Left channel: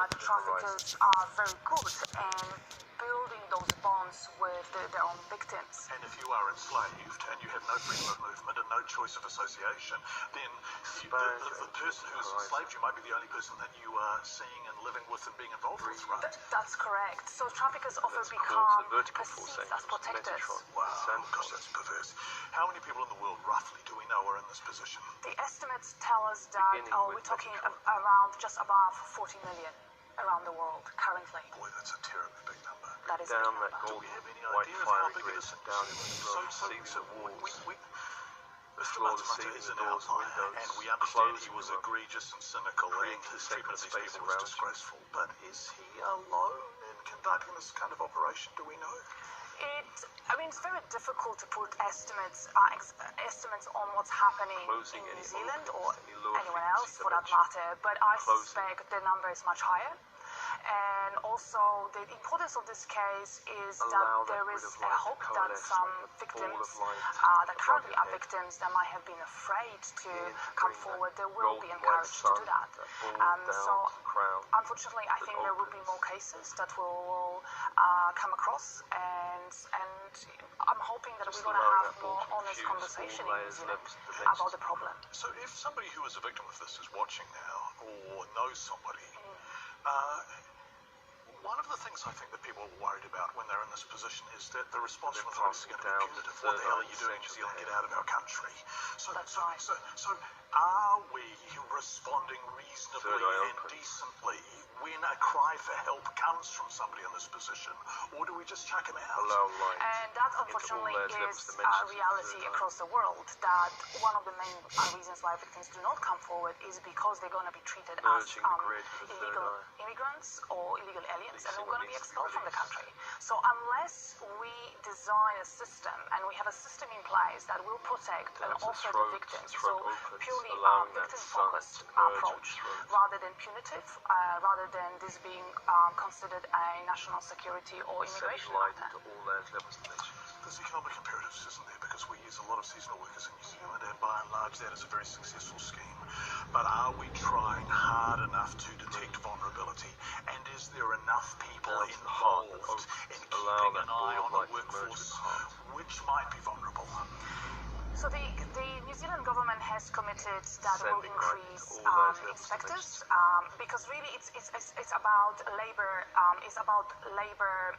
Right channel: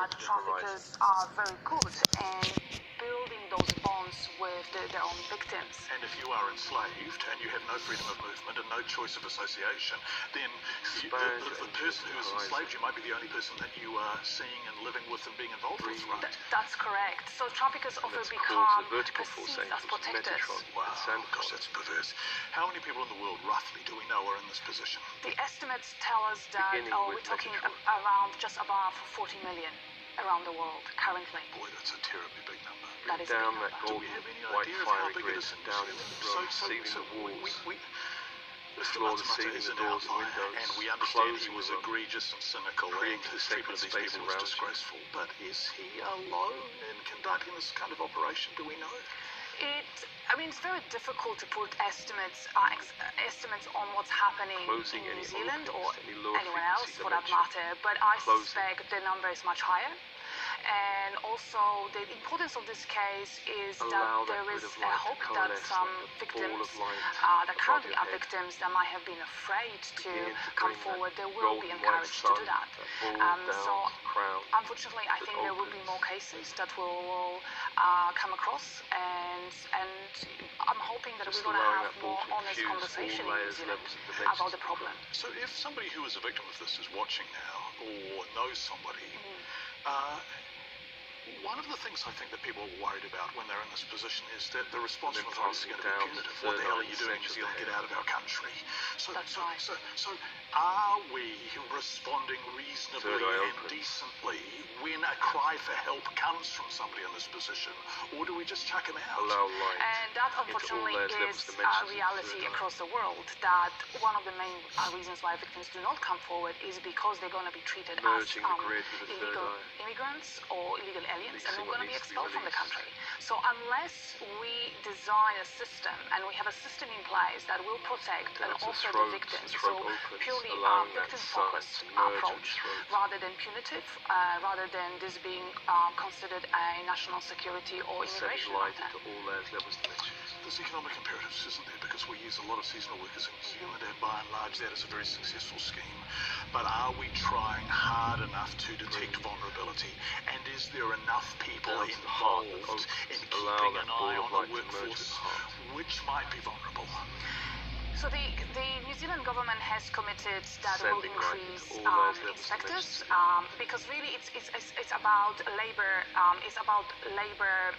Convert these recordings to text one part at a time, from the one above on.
that traffickers are very good in building those bonds with their own victims. And if you are enslaved and you have no freedom of movement and no choice of association, then the person who has enslaved you might be the only person that you are seeing and living with and being involved with, right? That's correct. So traffickers often become perceived as protectors. Wow, gosh, that's perverse. How many people in the world, roughly, do we know are in this position? The estimates tell us that we're talking around just above 40 million around the world currently. Boy, that's a terribly big number. That is a big number. Do we have any idea of how big it is? Mr. Matamata is an outlier, and we understand he was egregious and cynical, and his treatment of these people was disgraceful. But is he alone in conducting this kind of operation? Do we know? It's very difficult to put estimates on what's happening in New Zealand or anyone else for that matter, but I suspect the number is much higher. And also, the importance of this case is that there is a hope that some victims that currently are victims that might have been afraid to come forward, they will be encouraged to do that. So, unfortunately, I think there will be more cases that will come across, and I'm hoping that we're going to have more honest conversation in New Zealand about the problem. So, if somebody who is a victim of this is watching now or knows somebody, one of the things I think that people are worried about when they're in this position is that the response from authorities is going to be punitive. What the hell are you doing, New Zealand? Get out of our country. So are we responding reasonably and decently when a cry for help comes from somebody in this position, or do we just chuck them out? And that, unfortunately, is a reality across the world, that one of the main reasons why victims do not come forward is because they're going to be treated as illegal immigrants or illegal aliens, and they're going to be expelled from the country. So unless we design a system, and we have a system in place that will protect and offer the victims, so purely victim-focused approach, rather than punitive, rather than this being considered a national security or immigration matter. There's economic imperatives, isn't there? Because we use a lot of seasonal workers in New Zealand, and by and large that is a very successful scheme. But are we trying hard enough to detect vulnerability? And is there enough people involved in keeping an eye on a workforce which might be vulnerable? So the New Zealand government has committed that it will increase inspectors, because really it's about labor. It's about labor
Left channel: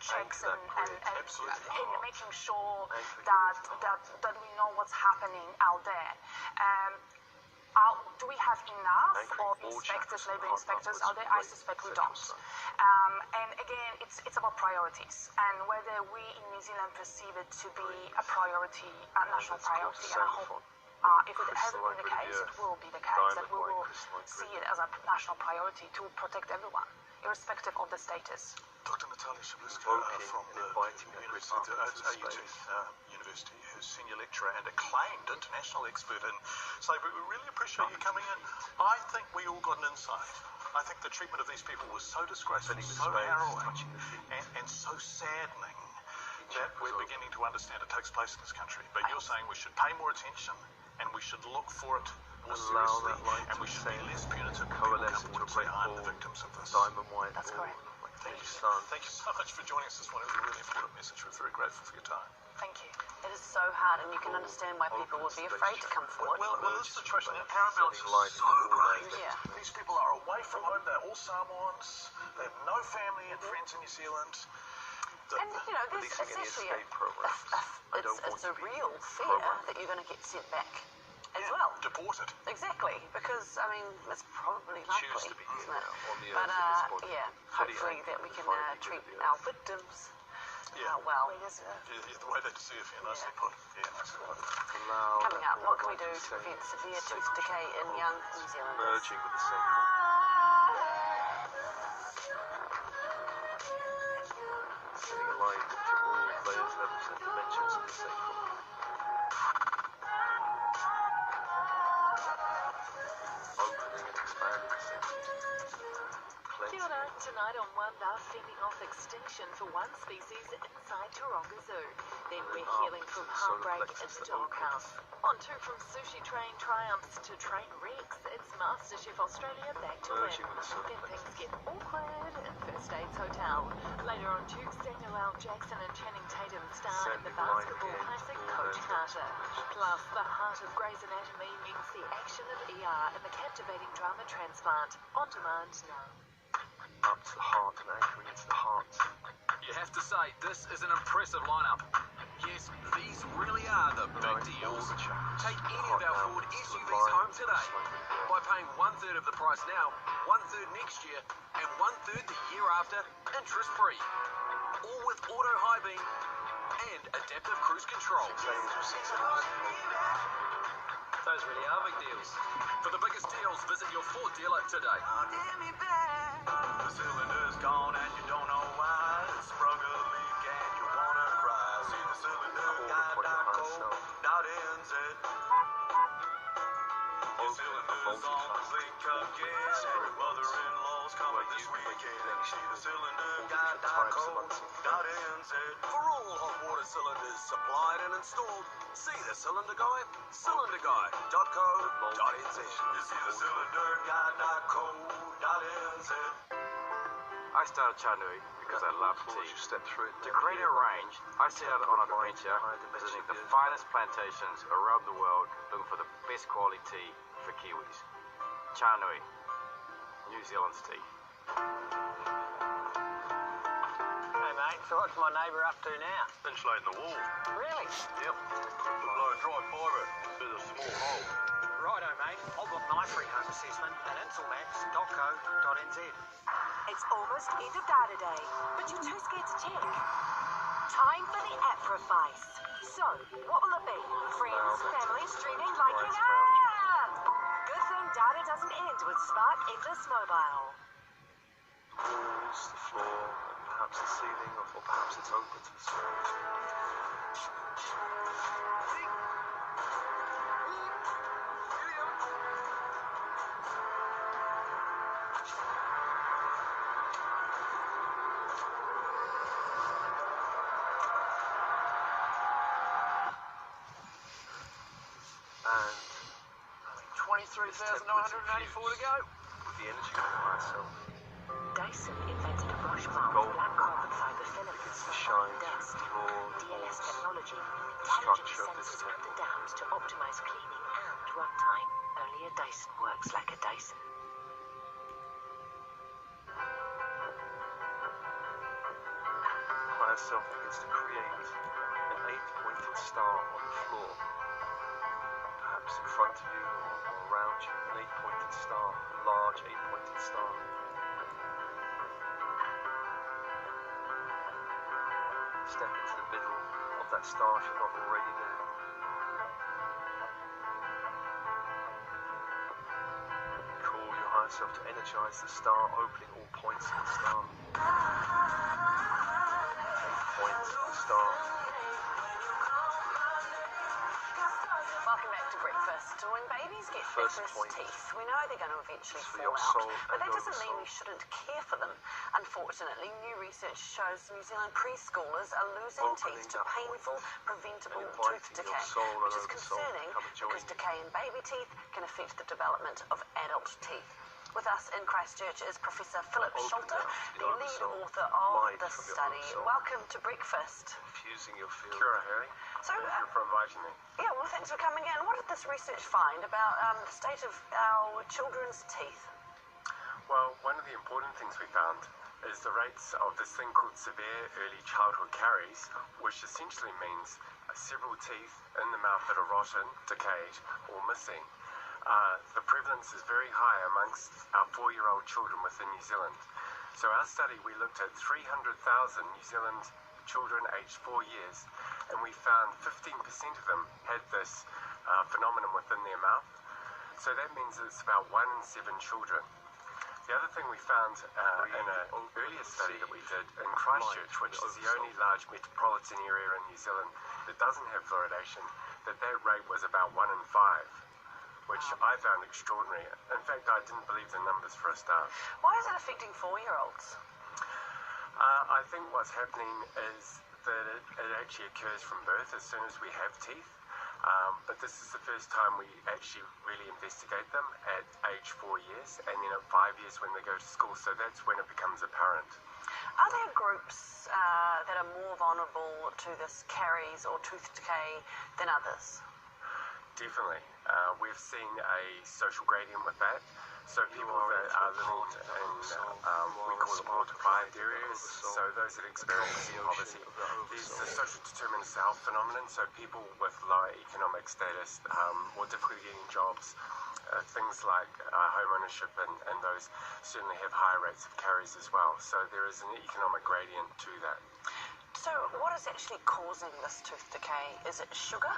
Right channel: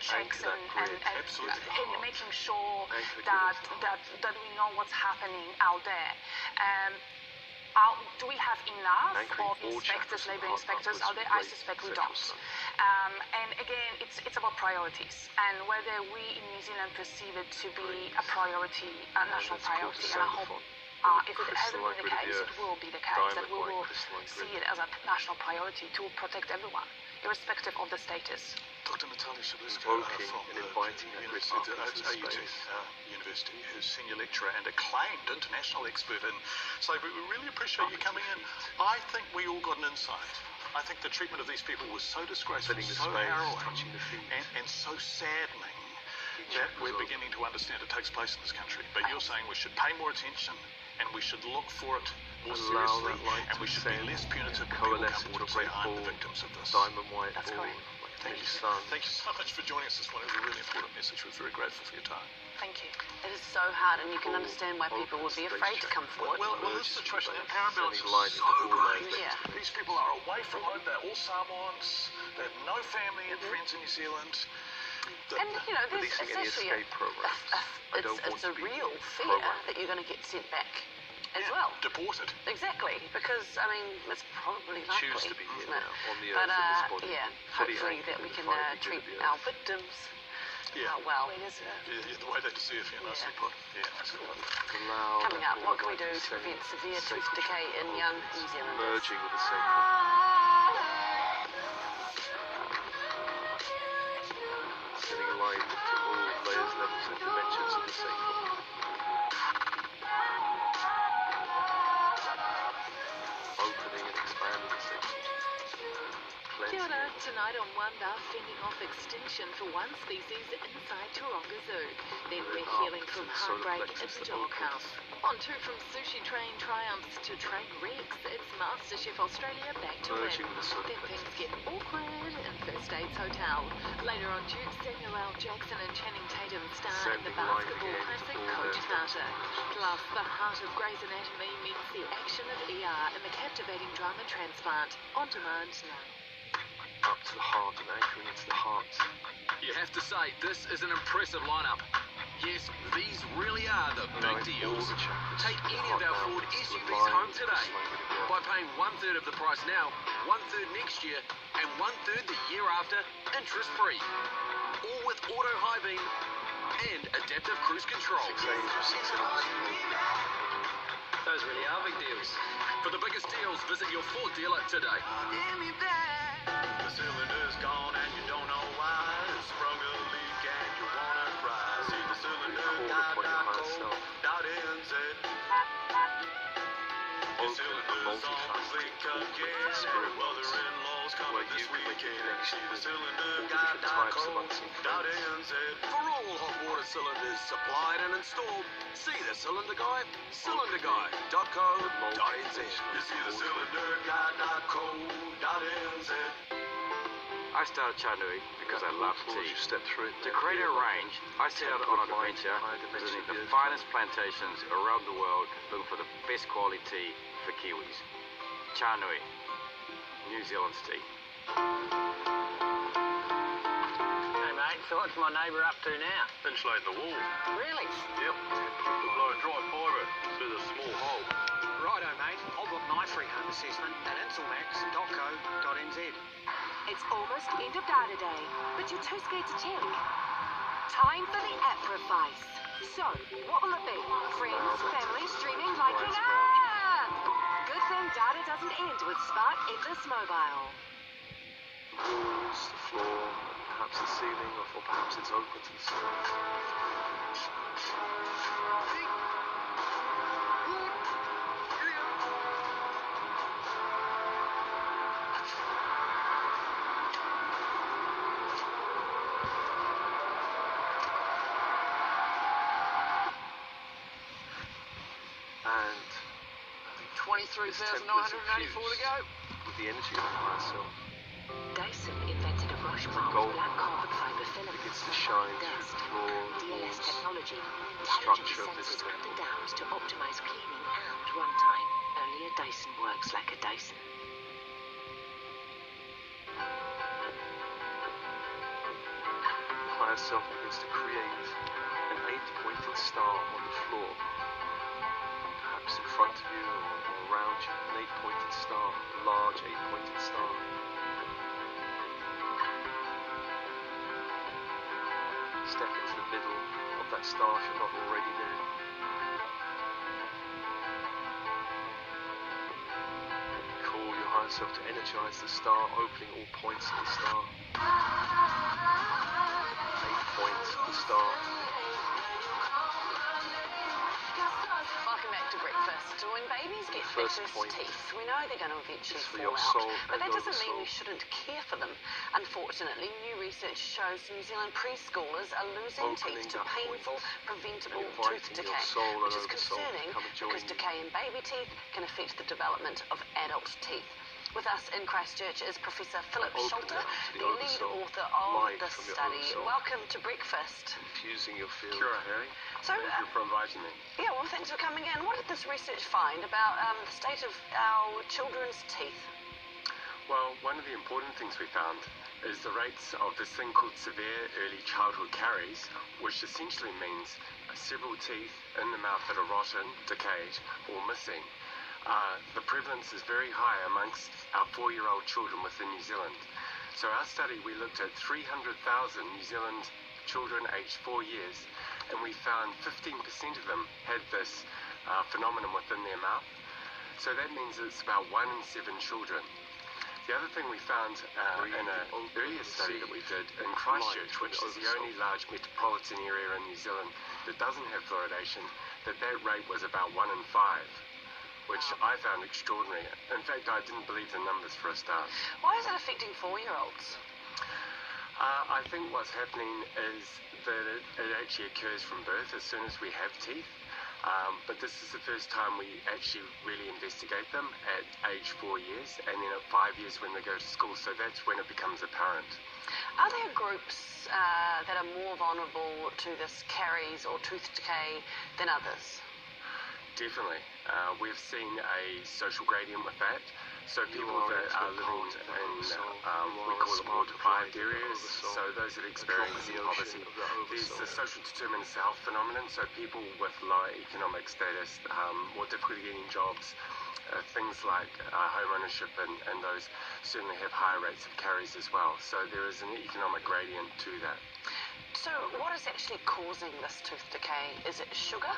checks and making sure that we know what's happening out there. Do we have enough of inspectors, labor inspectors out there? I suspect we don't. And again, it's about priorities, and whether we in New Zealand perceive it to be a priority, a national priority. And I hope if it hasn't been the case, it will be the case, that we will see it as a national priority to protect everyone, irrespective of the status. Dr. Natalia Shabliska from the University, who's senior lecturer and acclaimed international expert in slavery. We really appreciate you coming in. I think we all got an insight. I think the treatment of these people was so disgraceful, so harrowing, and so saddening that we're beginning to understand it takes place in this country. But you're saying we should pay more attention, and we should look for it more seriously, and we should be less punitive when people come forward and say, I'm the victims of this. That's correct. Thank you so much for joining us this morning. It was a really important message. We're very grateful for your time. Thank you. It is so hard, and you can understand why people would be afraid to come forward. Well, this situation, the parallels are so great. Yeah. These people are away from home. They're all Samoans. They have no family and friends in New Zealand. And, there's essentially it's a real fear that you're going to get sent back as well. Deported. Exactly, because, that's probably likely, choose to be here now on the but, earth in this body. hopefully that we can treat our victims well. The way they deserve, nicely put. Yeah, absolutely. Coming up, what can we do to prevent severe tooth decay in young New Zealanders? Merging with the sacred. Setting alignment to all layers, levels and dimensions of the sacred. Opening and expanding the sacred. Cleansing. Tonight on One, they're fending off extinction for one species inside Taronga Zoo. Then we're healing from heartbreak in the doghouse. On to from sushi train triumphs to train wrecks, it's MasterChef Australia back to win. Then things get awkward in First Aids Hotel. Later on, Duke Samuel L. Jackson and Channing Tatum star in the basketball classic Coach Carter. Plus, the heart of Grey's Anatomy meets the action of ER in the captivating drama Transplant. On demand now. Up to the heart and anchoring into the heart. You have to say, this is an impressive lineup. Yes, these really are the big deals. Take any of our Ford SUVs home today by paying 1/3 of the price now, 1/3 next year, and 1/3 the year after, interest-free. All with auto high beam and adaptive cruise control. Those really are big deals. For the biggest deals, visit your Ford dealer today. The cylinder's gone and you don't know why. It sprung a leak and you wanna cry. See the cylinder.co.nz. Your cylinder's on blink again and your mother-in-law's coming this weekend. See the cylinder.co.nz. For all hot water cylinders supplied and installed, see the cylinder guy, cylinderguy.co.nz. You see the cylinderguy.co.nz. I started Chanui because I love tea. To create a range, I set out on an adventure, visiting the finest plantations around the world, looking for the best quality tea for Kiwis. Chanui, New Zealand's tea. Hey mate, so what's my neighbour up to now? Insulating the wall. Really? Yep. We'll blow dry fibre through the small hole. Righto mate, I'll book my free home assessment at insulmax.co.nz. It's almost end of data day, but you're too scared to check. Time for the app-rifice. So, what will it be? Friends, family, streaming, liking? Good thing data doesn't end with Spark Endless Mobile. Walls, the floor, perhaps the ceiling, or perhaps it's open to the sky. And 23,984 to go. With the energy of myself, Dyson invented a brush-bound black carbon fiber filament it's the shine desk. through the floor, the DLS walls, technology the intelligently structure of this senses up temple. and downs to optimize cleaning and runtime. Only a Dyson works like a Dyson. Higher self begins to create an 8-pointed star on the floor. Perhaps in front of you or around you, an 8-pointed star, a large 8-pointed star. Step into the middle of that star if you're not already there. Call your higher self to energize the star, opening all points of the star. 8 points of the star. Welcome back to breakfast. When babies get their first teeth, we know they're going to eventually fall out, but that doesn't mean we shouldn't care for them. Unfortunately, new research shows New Zealand preschoolers are losing teeth to painful, preventable tooth decay, which is concerning because decay in baby teeth can affect the development of adult teeth. With us in Christchurch is Professor Philip Sholter, the lead author of the study. Welcome to breakfast. Infusing your field. Kia ora, Harry. So, thank you for inviting me. Yeah, well, thanks for coming in. What did this research find about the state of our children's teeth? Well, one of the important things we found is the rates of this thing called severe early childhood caries, which essentially means several teeth in the mouth that are rotten, decayed, or missing. The prevalence is very high amongst our 4-year-old children within New Zealand. So our study, we looked at 300,000 New Zealand children aged 4 years, and we found 15% of them had this phenomenon within their mouth. So that means it's about 1 in 7 children. The other thing we found in an earlier study that we did in Christchurch, which is the only large metropolitan area in New Zealand that doesn't have fluoridation, that rate was about 1 in 5. which I found extraordinary. In fact, I didn't believe the numbers for a start. Why is it affecting 4-year-olds? I think what's happening is that it actually occurs from birth as soon as we have teeth. But this is the first time we actually really investigate them at age 4 years, and then at 5 years when they go to school. So that's when it becomes apparent. Are there groups that are more vulnerable to this caries or tooth decay than others? Definitely. We've seen a social gradient with that. So people that are living in, we call them more deprived areas, so those that are experiencing poverty. There's the social determinants of health phenomenon, so people with lower economic status, more difficulty getting jobs, things like home ownership and those certainly have higher rates of caries as well. So there is an economic gradient to that. So what is actually causing this tooth decay? Is it sugar?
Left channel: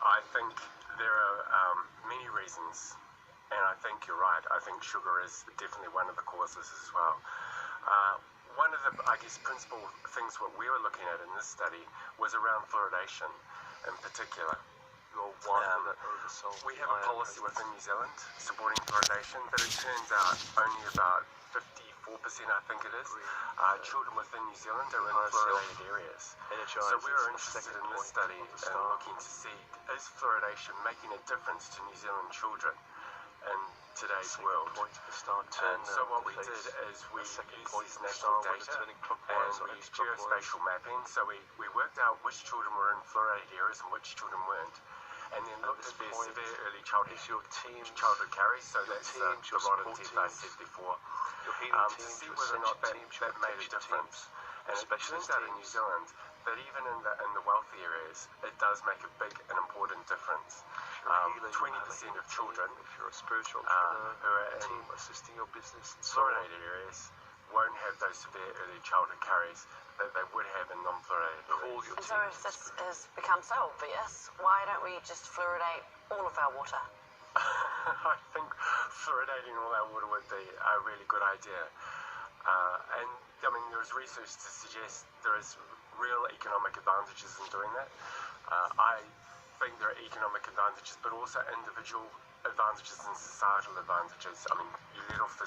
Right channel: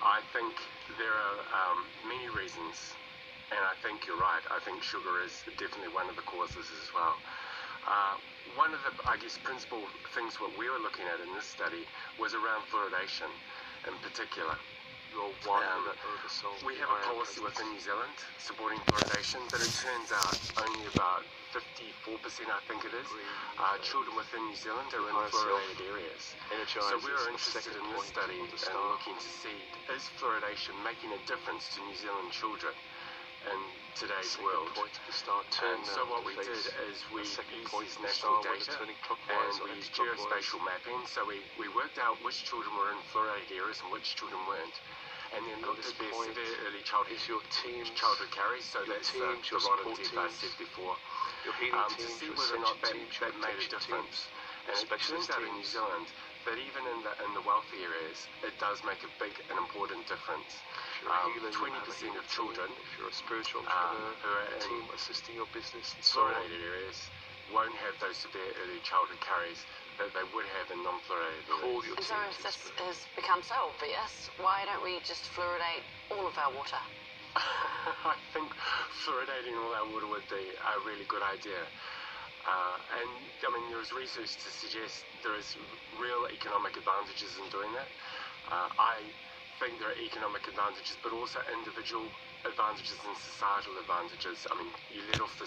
I think there are many reasons. And I think you're right. I think sugar is definitely one of the causes as well. One of the, principal things what we were looking at in this study was around fluoridation in particular. We have a policy within New Zealand supporting fluoridation, but it turns out only about 54%, I think it is, children within New Zealand are in fluoridated areas. So we are interested in this study and looking to see, is fluoridation making a difference to New Zealand children in today's world? And so what we did is we used these national data and we used geospatial mapping. So we worked out which children were in fluoridated areas and which children weren't. And then looked at their severe early childhood caries, so that's the rotten teeth I said before, to see whether or not that made a difference. And it turns out in New Zealand that even in the wealthy areas, it does make a big and important difference. 20% of children who are in fluoridated areas won't have those severe early childhood caries that they would have in non-fluoridated areas. And so if this has become so obvious, why don't we just fluoridate all of our water? I think fluoridating all our water would be a really good idea. And I mean, there's research to suggest there is real economic advantages in doing that. I think there are economic advantages, but also individual advantages and societal advantages. I mean, you let off the